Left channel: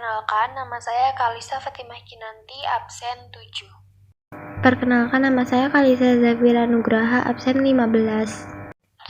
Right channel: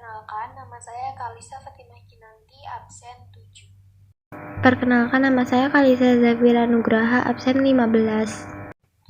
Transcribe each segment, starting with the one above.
Perkenalkan, nama saya Kalisa Fatimah Kinanti, absen 7. Perkenalkan, nama saya Kalisa Zafira Nugraha, absen 15.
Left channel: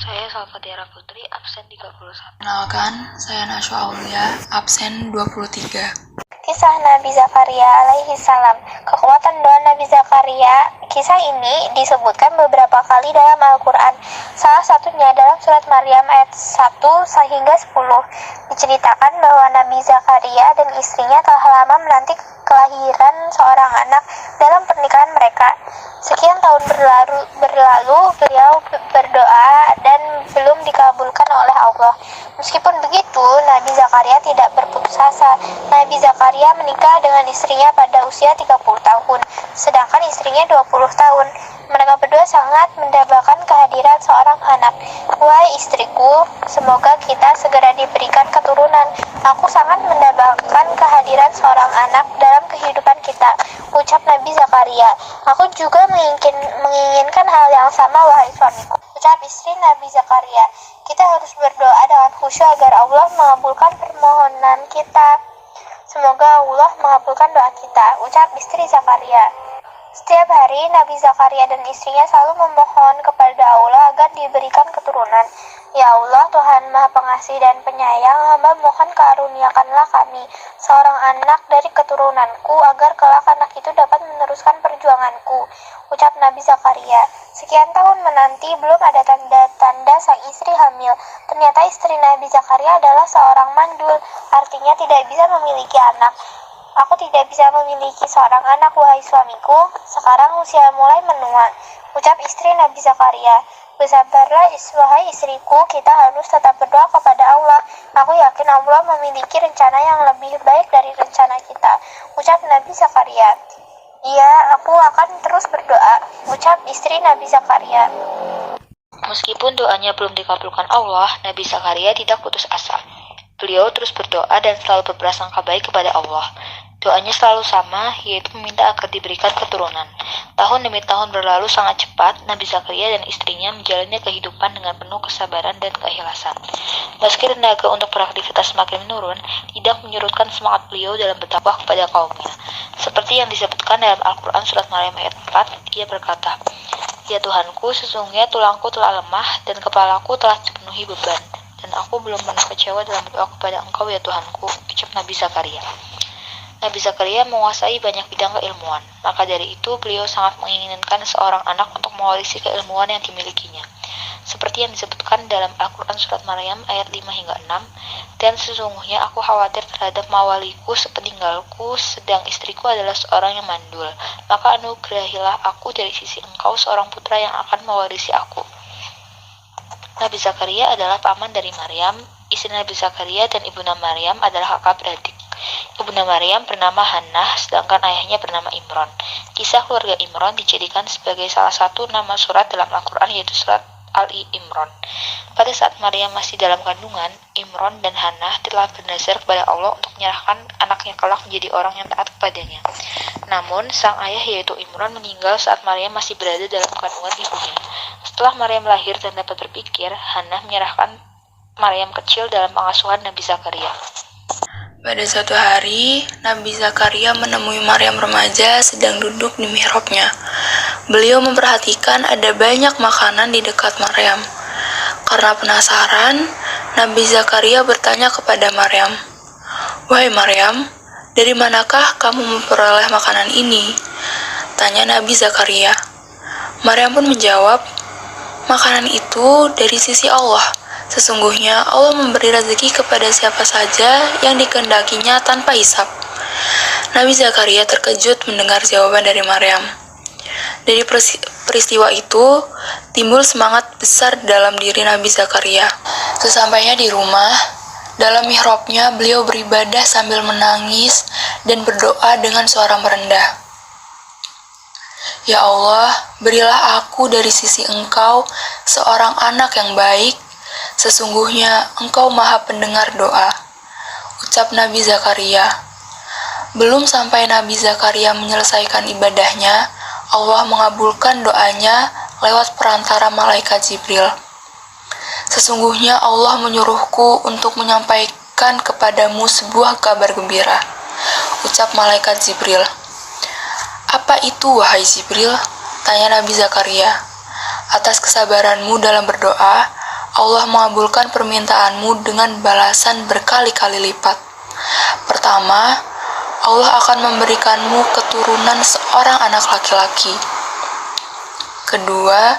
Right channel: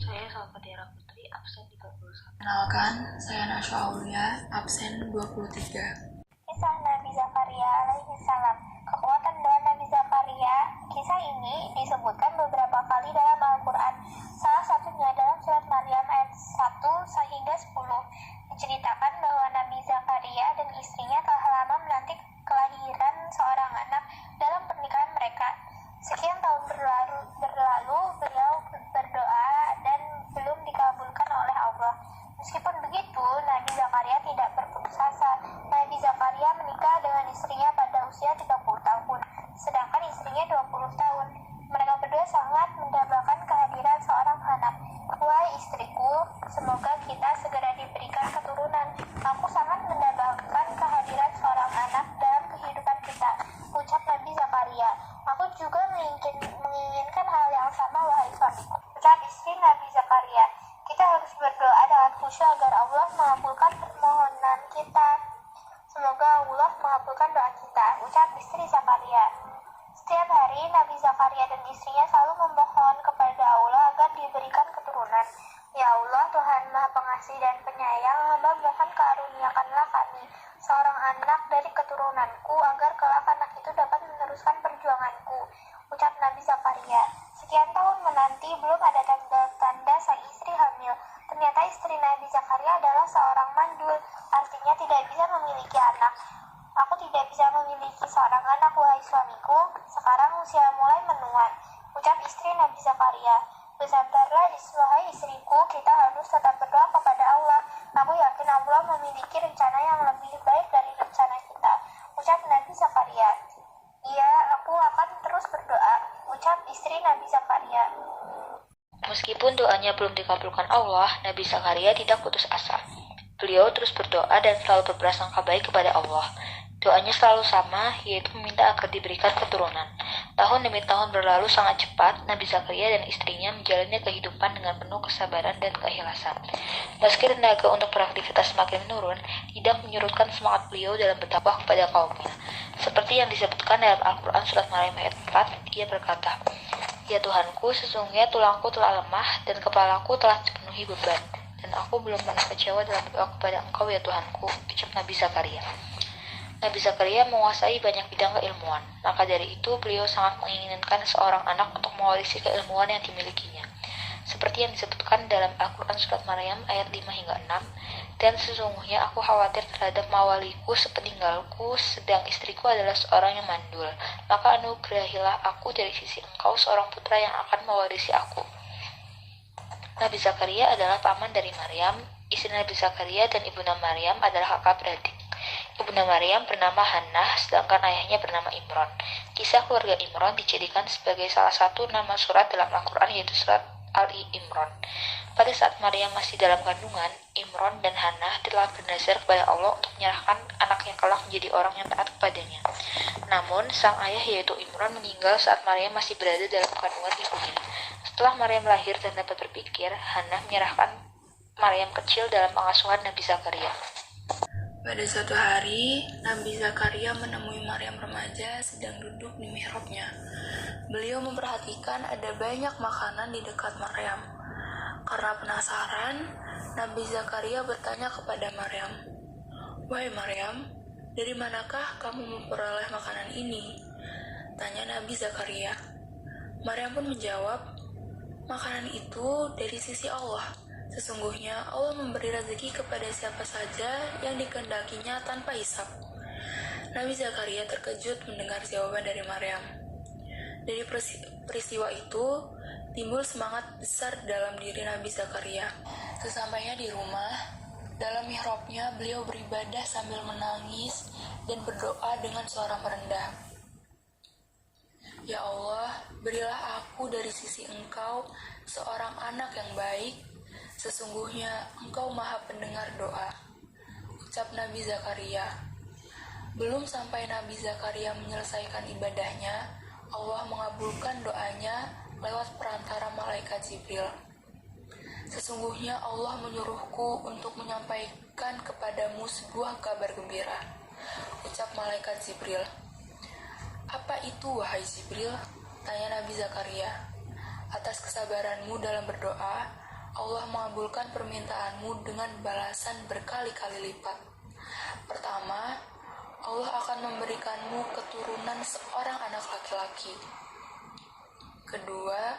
Saya Salvatierra Putri, absen 31. Perkenalkan, saya Naswa Aulia, absen 23. Kisah Nabi Zakaria alaihi salam. Kekuatan doa Nabi Zakaria. Kisah ini disebutkan beberapa kali dalam Al-Quran. Salah satunya dalam surat Maryam ayat 1 hingga 10. Diceritakan bahwa Nabi Zakaria dan istrinya telah lama menanti kelahiran seorang anak dalam pernikahan mereka. Sekian tahun berlalu, beliau berdoa dan belum dikabulkan oleh Allah. Meskipun begitu, Nabi Zakaria tidak berputus asa. Nabi Zakaria menikah dengan istrinya pada usia 30 tahun, sedangkan istrinya 20 tahun. Mereka berdua sangat mendambakan kehadiran seorang anak. Wahai istriku, semoga kita segera diberikan keturunan. Aku sangat mendambakan kehadiran seorang anak dalam kehidupan kita, ucap Nabi Zakaria. Aku juga menginginkan hal yang sama, wahai suamiku, ucap istri Nabi Zakaria. Kita harus berdoa dengan khusyuk agar Allah mengabulkan permohonan kita. Semoga Allah mengabulkan doa kita, ucap istri Zakaria. Setiap hari Nabi Zakaria dan istrinya selalu memohon kepada Allah agar diberikan keturunan. Ya Allah, Tuhan Maha Pengasih dan Penyayang, hamba mohon karuniakanlah kami seorang anak dari keturunanku agar kelak anak itu dapat meneruskan perjuanganku, ucap Nabi Zakaria. Sekian tahun menanti belum ada tanda-tanda sang istri hamil. Ternyata istri Nabi Zakaria adalah seorang mandul, artinya tidak bisa memiliki anak. Aku tidak bisa memiliki seorang anak, wahai suamiku. Sekarang usia mulai menua, ucap istri Nabi Zakaria. Bersabarlah wahai istriku, kita harus tetap berdoa kepada Allah. Aku yakin Allah memiliki rencana yang lebih baik dari rencana kita, ucap Nabi Zakaria. Iya, aku akan terus berdoa, ucap istri Nabi Zakaria. Meskipun doanya belum dikabulkan Allah, Nabi Zakaria tidak putus asa. Beliau terus berdoa dan selalu berprasangka baik kepada Allah. Doanya selalu sama, yaitu meminta agar diberikan keturunan. Tahun demi tahun berlalu sangat cepat, Nabi Zakaria dan istrinya menjalani kehidupan dengan penuh kesabaran dan keikhlasan. Meski tenaga untuk beraktivitas semakin menurun, tidak menyurutkan semangat beliau dalam berdakwah kepada kaumnya. Seperti yang disebutkan dalam Al-Quran surat Maryam ayat 4, ia berkata, "Ya Tuhanku, sesungguhnya tulangku telah lemah dan kepalaku telah dipenuhi beban, dan aku belum pernah kecewa dalam berdoa kepada Engkau ya Tuhanku," ucap Nabi Zakaria. Nabi Zakaria menguasai banyak bidang keilmuan, maka dari itu beliau sangat menginginkan seorang anak untuk mewarisi keilmuan yang dimilikinya. Seperti yang disebutkan dalam Al-Quran surat Maryam ayat 5 hingga 6, "Dan sesungguhnya aku khawatir terhadap mawaliku sepeninggalku, sedang istriku adalah seorang yang mandul. Maka anugerahilah aku dari sisi Engkau seorang putra yang akan mewarisi aku." Nabi Zakaria adalah paman dari Maryam. Istri Nabi Zakaria dan ibunda Maryam adalah kakak beradik. Ibunda Maryam bernama Hannah, sedangkan ayahnya bernama Imron. Kisah keluarga Imron dijadikan sebagai salah satu nama surat dalam Al-Quran, yaitu surat Ali Imron. Pada saat Maryam masih dalam kandungan, Imron dan Hannah telah bernazar kepada Allah untuk menyerahkan anaknya kelak menjadi orang yang taat kepadanya. Namun, sang ayah yaitu Imron meninggal saat Maryam masih berada dalam kandungan ibunya. Setelah Maryam lahir dan dapat berpikir, Hannah menyerahkan Maryam kecil dalam pengasuhan Nabi Zakaria. Pada suatu hari, Nabi Zakaria menemui Maryam remaja sedang duduk di mihrabnya. Beliau memperhatikan ada banyak makanan di dekat Maryam. Karena penasaran, Nabi Zakaria bertanya kepada Maryam, "Wahai Maryam, dari manakah kamu memperoleh makanan ini?" tanya Nabi Zakaria. Maryam pun menjawab, "Makanan itu dari sisi Allah. Sesungguhnya Allah memberi rezeki kepada siapa saja yang dikehendakinya tanpa hisab." Nabi Zakaria terkejut mendengar jawaban dari Maryam. Dari peristiwa itu, timbul semangat besar dalam diri Nabi Zakaria. Sesampainya di rumah, dalam mihrabnya beliau beribadah sambil menangis dan berdoa dengan suara merendah. "Ya Allah, berilah aku dari sisi Engkau seorang anak yang baik. Sesungguhnya Engkau Maha Pendengar doa," ucap Nabi Zakaria. Belum sampai Nabi Zakaria menyelesaikan ibadahnya, Allah mengabulkan doanya lewat perantara malaikat Jibril. "Sesungguhnya Allah menyuruhku untuk menyampaikan kepadamu sebuah kabar gembira. ucap malaikat Jibril. Apa itu, wahai Jibril? Tanya Nabi Zakaria. Atas kesabaranmu dalam berdoa, Allah mengabulkan permintaanmu dengan balasan berkali-kali lipat. Pertama, Allah akan memberikanmu keturunan seorang anak laki-laki. Kedua,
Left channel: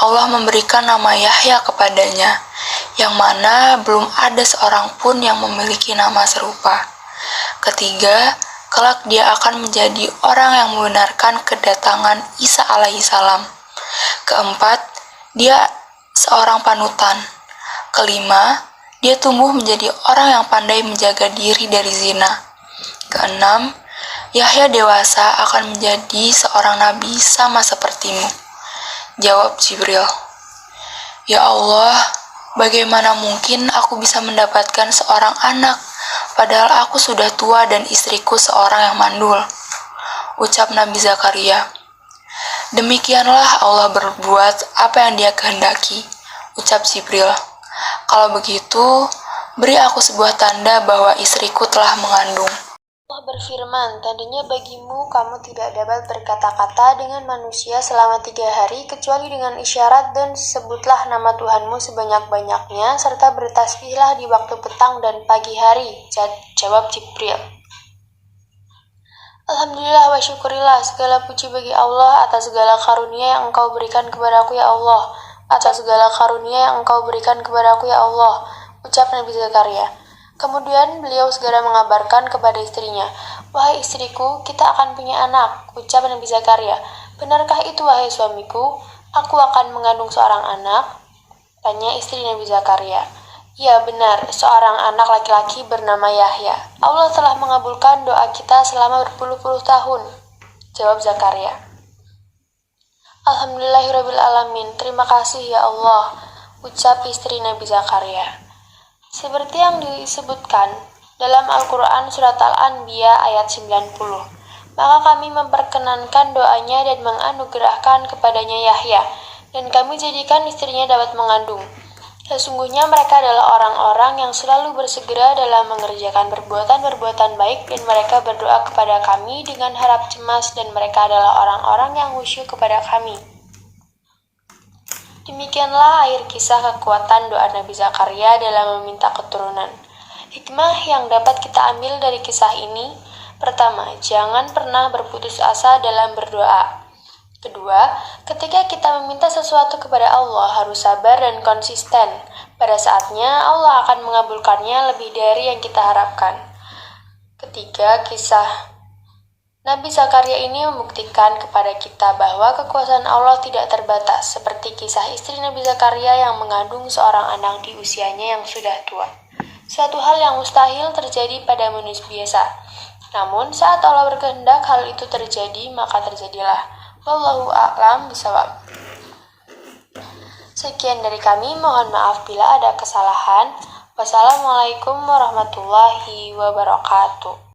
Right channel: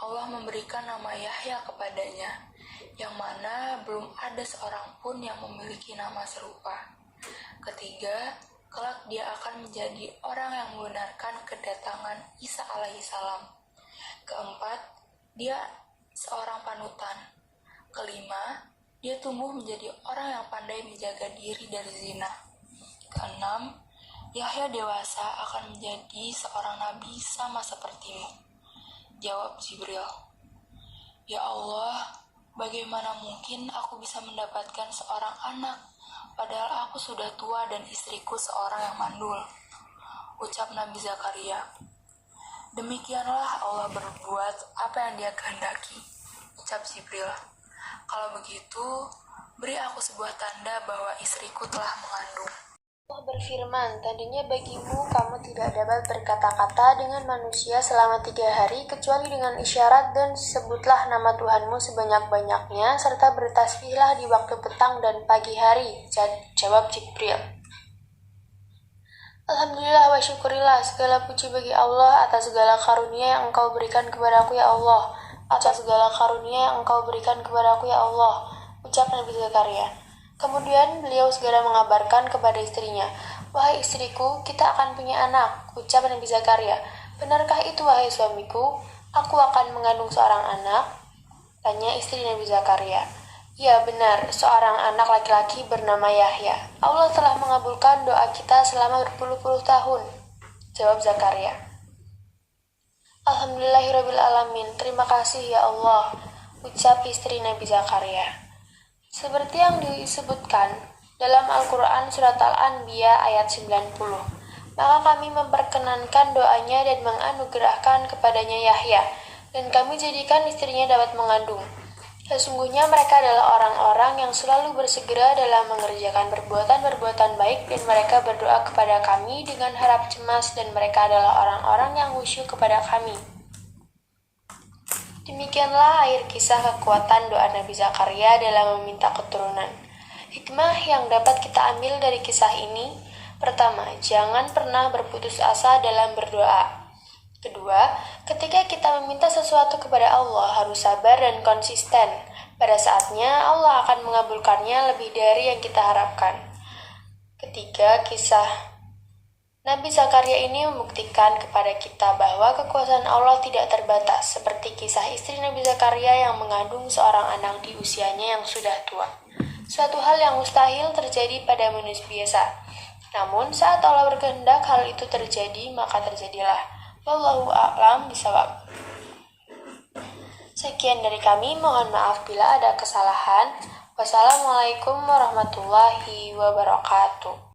Allah memberikan nama Yahya kepadanya, yang mana belum ada seorang pun yang memiliki nama serupa. Ketiga, kelak dia akan menjadi orang yang membenarkan kedatangan Isa alaihissalam. Keempat, dia seorang panutan. Kelima, dia tumbuh menjadi orang yang pandai menjaga diri dari zina. Keenam, Yahya dewasa akan menjadi seorang nabi sama sepertimu. Jawab Jibril, Ya Allah, bagaimana mungkin aku bisa mendapatkan seorang anak, padahal aku sudah tua dan istriku seorang yang mandul. Ucap Nabi Zakaria, Demikianlah Allah berbuat apa yang Dia kehendaki. Ucap Jibril, Kalau begitu, beri aku sebuah tanda bahwa istriku telah mengandung. Allah berfirman, tandanya bagimu kamu tidak dapat berkata-kata dengan manusia selama 3 hari kecuali dengan isyarat, dan sebutlah nama Tuhanmu sebanyak-banyaknya serta bertasbihlah di waktu petang dan pagi hari. Jawab Jibril. Alhamdulillah wa syukurillah, segala puji bagi Allah atas segala karunia yang Engkau berikan kepadaku ya Allah. Atas segala karunia yang Engkau berikan kepadaku ya Allah. Ucap Nabi Zakaria. Kemudian beliau segera mengabarkan kepada istrinya, Wahai istriku, kita akan punya anak. Ucap Nabi Zakaria, Benarkah itu wahai suamiku? Aku akan mengandung seorang anak? Tanya istri Nabi Zakaria. Ya benar, seorang anak laki-laki bernama Yahya. Allah telah mengabulkan doa kita selama berpuluh-puluh tahun. Jawab Zakaria. Alhamdulillahirrabbilalamin, terima kasih ya Allah. Ucap istri Nabi Zakaria. Seperti yang disebutkan dalam Al-Quran Surat Al-Anbiya ayat 90, maka kami memperkenankan doanya dan menganugerahkan kepadanya Yahya, dan kami jadikan istrinya dapat mengandung. Sesungguhnya mereka adalah orang-orang yang selalu bersegera dalam mengerjakan perbuatan-perbuatan baik, dan mereka berdoa kepada kami dengan harap cemas, dan mereka adalah orang-orang yang khusyuk kepada kami. Demikianlah akhir kisah kekuatan doa Nabi Zakaria dalam meminta keturunan. Hikmah yang dapat kita ambil dari kisah ini, pertama, jangan pernah berputus asa dalam berdoa. Kedua, ketika kita meminta sesuatu kepada Allah harus sabar dan konsisten. Pada saatnya Allah akan mengabulkannya lebih dari yang kita harapkan. Ketiga, kisah Nabi Zakaria ini membuktikan kepada kita bahwa kekuasaan Allah tidak terbatas, seperti kisah istri Nabi Zakaria yang mengandung seorang anak di usianya yang sudah tua. Suatu hal yang mustahil terjadi pada manusia biasa. Namun, saat Allah berkehendak hal itu terjadi, maka terjadilah. Wallahu a'lam bishawab. Sekian dari kami, mohon maaf bila ada kesalahan. Wassalamualaikum warahmatullahi wabarakatuh.